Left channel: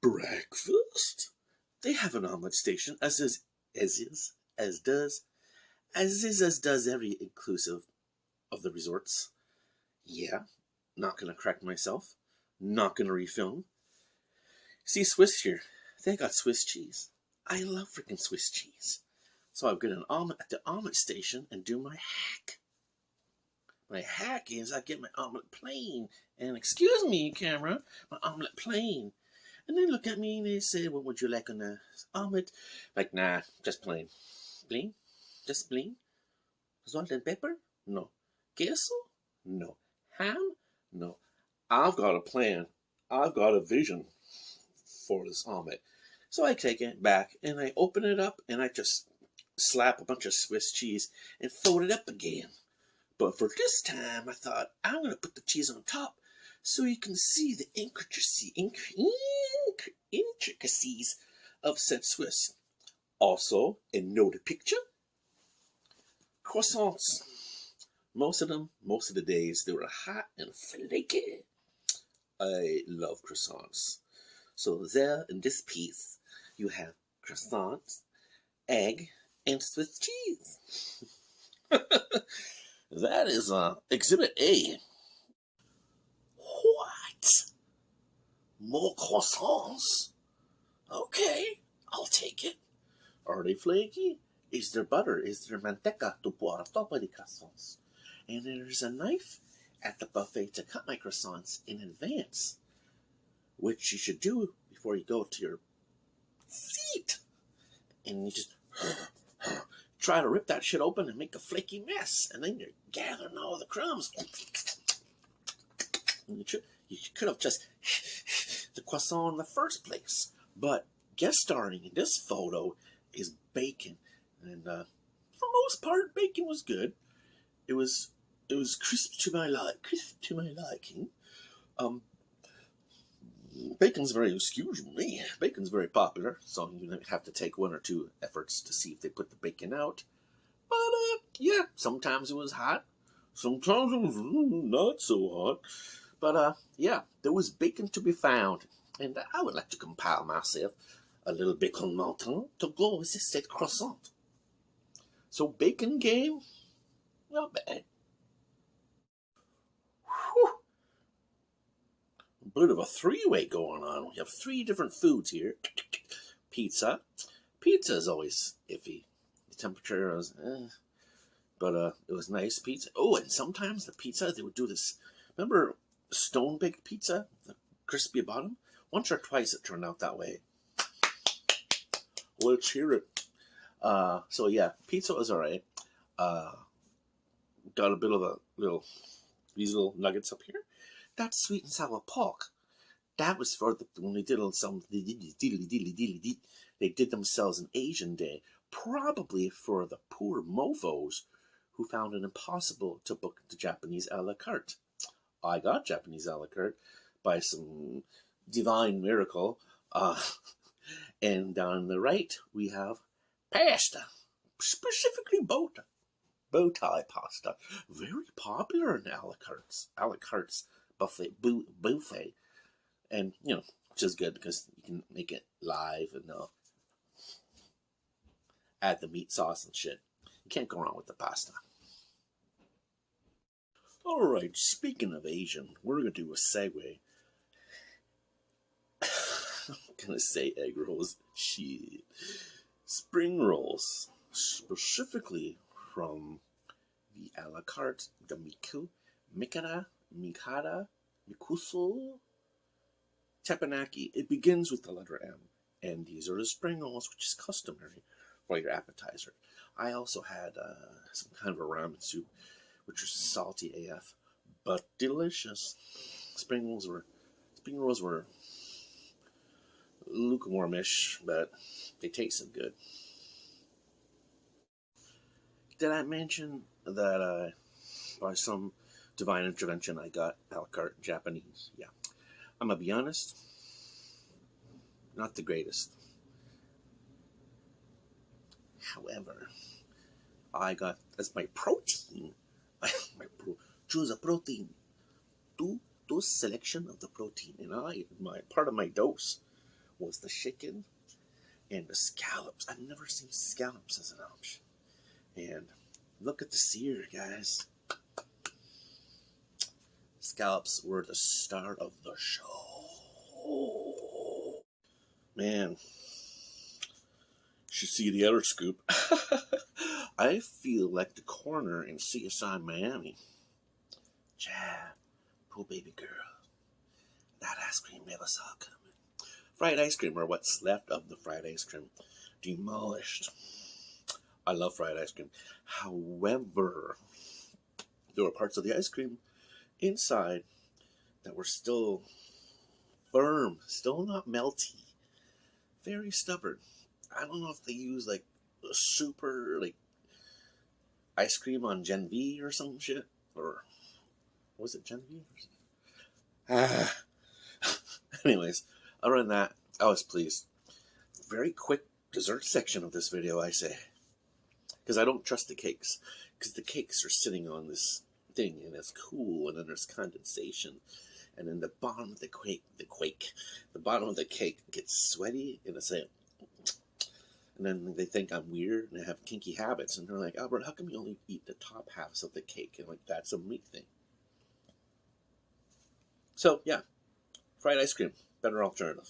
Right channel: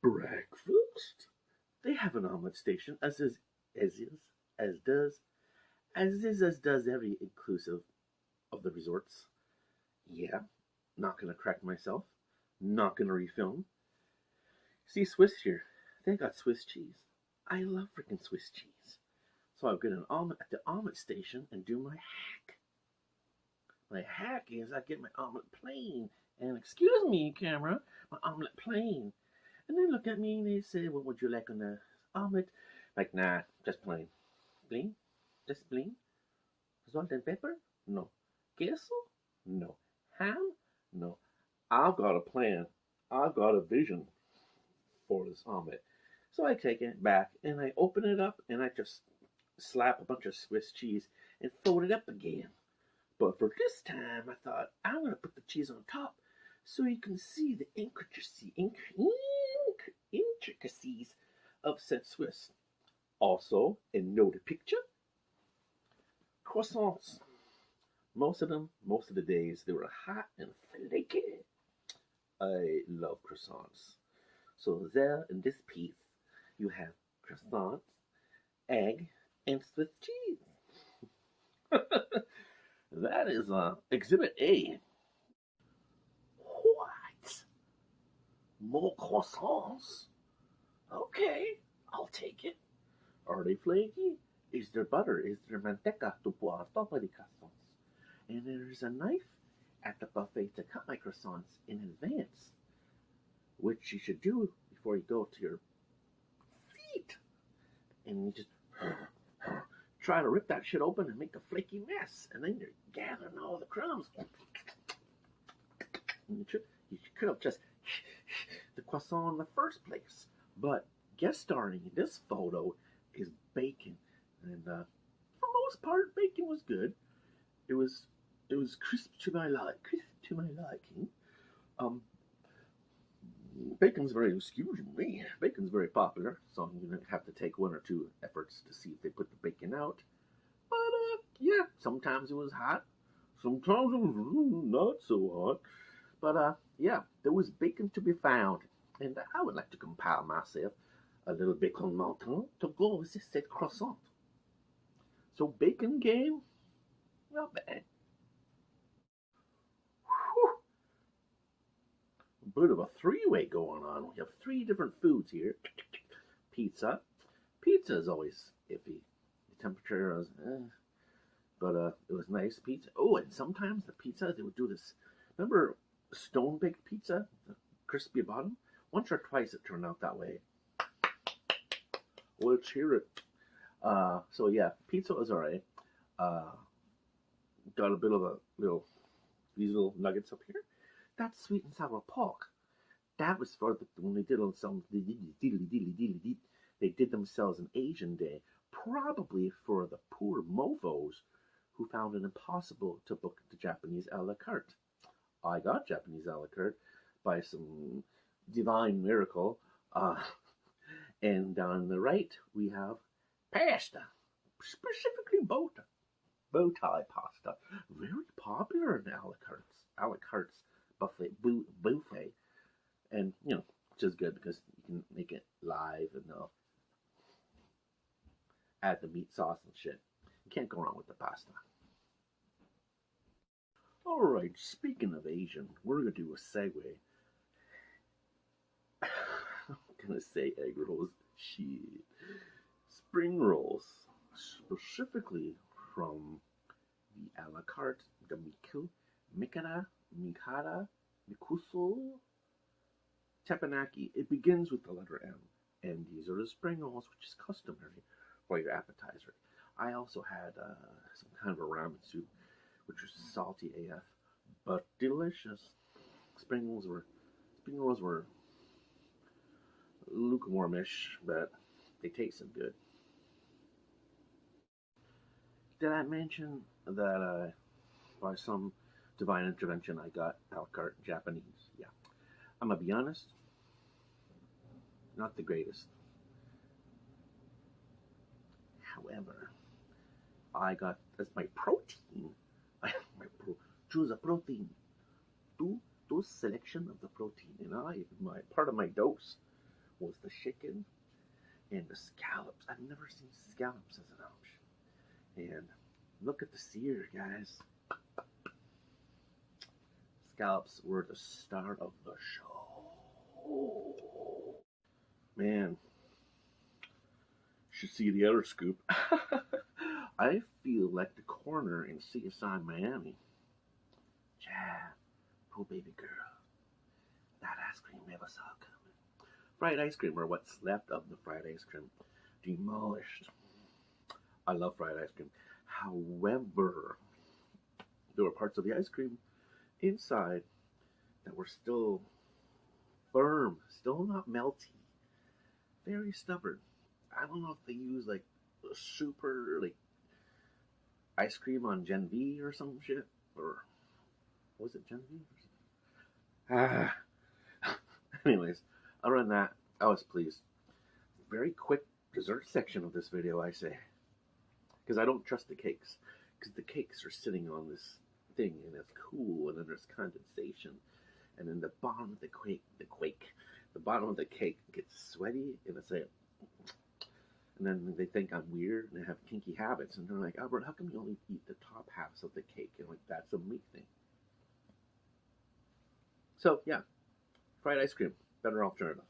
Breakfast? They have an omelet station, as does every inclusive of the resorts. Yeah, not gonna correct myself. Not gonna refilm. See, Swiss here, they got Swiss cheese. I love freaking Swiss cheese. So I'll get an omelet at the omelet station and do my hack. My hack is I get my omelet plain. And excuse me, camera, my omelet plain. And they look at me and they say, what would you like on the omelet? Like, nah, just plain. Plain? Just plain? Salt and pepper? No. Queso? No. Ham? No. I've got a plan. I've got a vision for this omelet. So I take it back and I open it up and I just slap a bunch of Swiss cheese and fold it up again. But for this time, I thought I'm going to put the cheese on top so you can see the intricacies of said Swiss. Also, in noted picture, croissants. Most of the days, they were hot and flaky. I love croissants. So there in this piece, you have croissants, egg, and Swiss cheese. That is Exhibit A. What? More croissants? Okay, I'll take it. Are they flaky? Is there butter? Is there manteca to pour on top of the croissants? And there's a knife at the buffet to cut my croissants in advance, which you should do before you go to your seat. And you just try to rip that shit open and make a flaky mess, and then you're gathering all the crumbs. You could have just the croissant in the first place. But guest starring in this photo is bacon, and for most part, bacon was good. It was crisp to my liking. Bacon's very popular, so you have to take one or two efforts to see if they put the bacon out. But yeah, sometimes it was hot, sometimes it was not so hot. But yeah, there was bacon to be found, and I would like to compile myself a little bacon mountain to go with this said croissant. So bacon game, not bad. Whew. A bit of a three-way going on. We have three different foods here. Pizza. Pizza is always iffy. The temperature was, but it was nice pizza. Oh, and sometimes the pizza, they would do this. Remember stone-baked pizza, the crispy bottom? Once or twice it turned out that way. Let's hear it. So yeah, pizza was alright. Got a bit of these little nuggets up here. That's sweet and sour pork. That was for when they did they did themselves an Asian day, probably for the poor mofos who found it impossible to book the Japanese a la carte. I got Japanese a la carte by some divine miracle. And down the right, we have pasta, specifically bow tie pasta. Very popular in a la carte's buffet. And, which is good because you can make it live and add the meat sauce and shit. You can't go wrong with the pasta. Alright, speaking of Asian, we're going to do a segue. I'm going to say egg rolls. Shit. Spring rolls. Specifically from the a la carte, the Mikara, Mikuso, Teppanyaki. It begins with the letter M. And these are the spring rolls, which is customary for your appetizer. I also had some kind of a ramen soup, which was salty AF, but delicious. Spring rolls were lukewarmish, but they tasted good. Did I mention that by some divine intervention I got a la carte Japanese? Yeah. I'm gonna be honest, not the greatest. However, I got as my protein, choose a protein, two selection of the protein, and my part of my dose was the chicken and the scallops. I've never seen scallops as an option. And look at the sear, guys. Scallops were the start of the show. Man, should see the other scoop. I feel like the coroner in CSI Miami. Chad, poor baby girl. That ice cream never saw coming. Fried ice cream, or what's left of the fried ice cream, demolished. I love fried ice cream. However, there were parts of the ice cream inside that were still firm, still not melty, very stubborn. I don't know if they use like a super like ice cream on Gen V or some shit, or was it Gen V? Ah. Anyways, other than that, I was pleased. Very quick dessert section of this video, I say, because I don't trust the cakes, because the cakes are sitting on this thing and it's cool, and then there's condensation, and then the bottom of the bottom of the cake gets sweaty, and it's like, and then they think I'm weird and I have kinky habits, and they're like, Albert, how come you only eat the top halves of the cake? And like, that's a me thing. So yeah, fried ice cream, better alternative.